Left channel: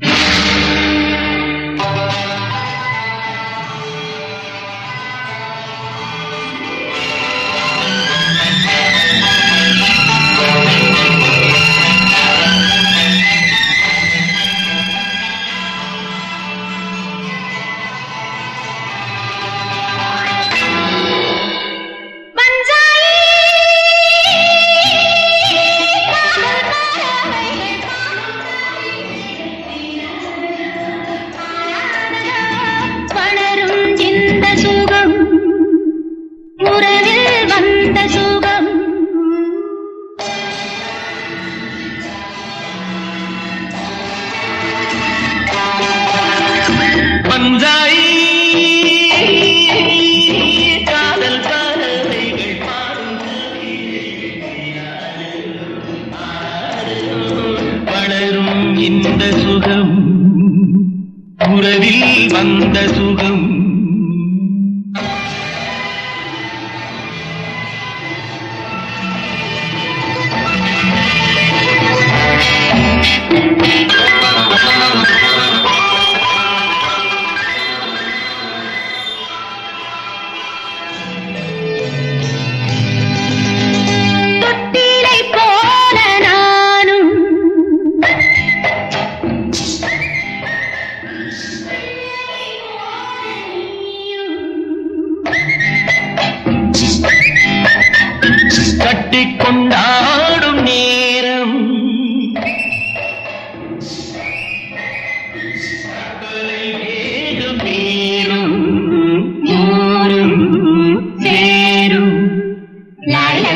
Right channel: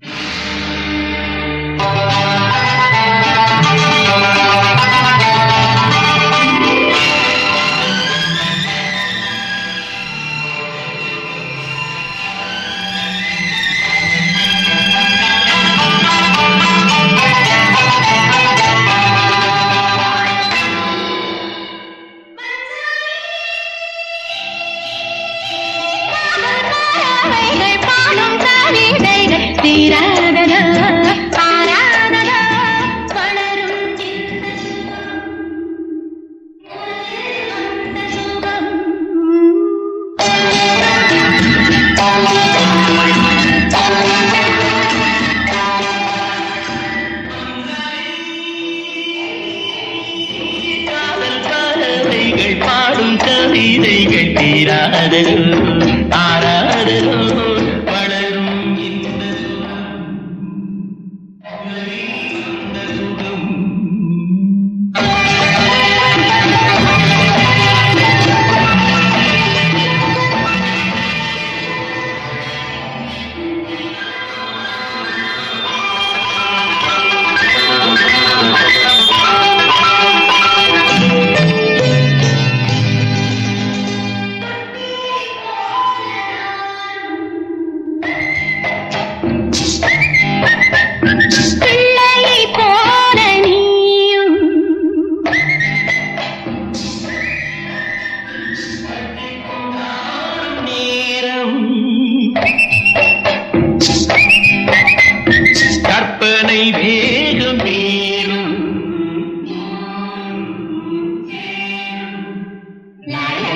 you உறவில் வந்த சுகம்.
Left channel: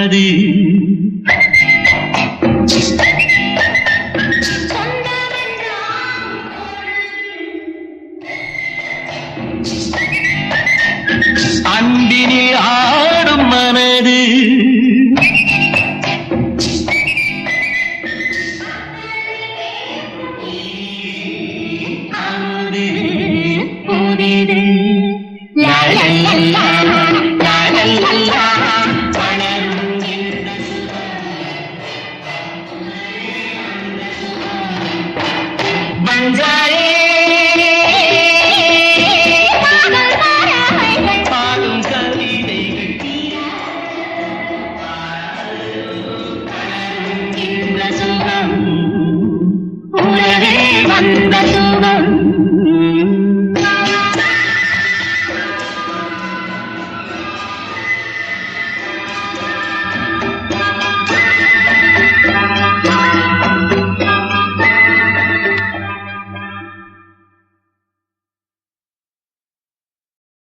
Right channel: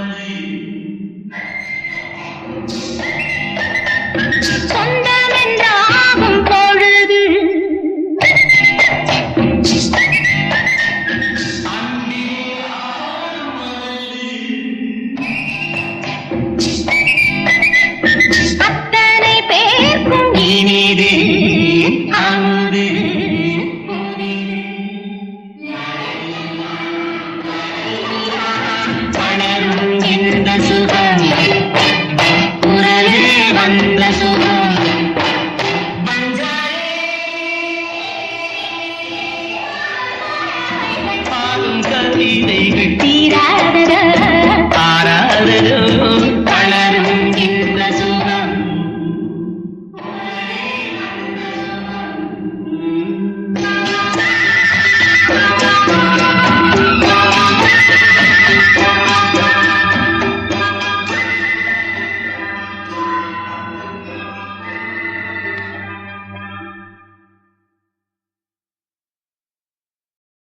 பாடி. சொந்தம் என்றாகும் பொழுது.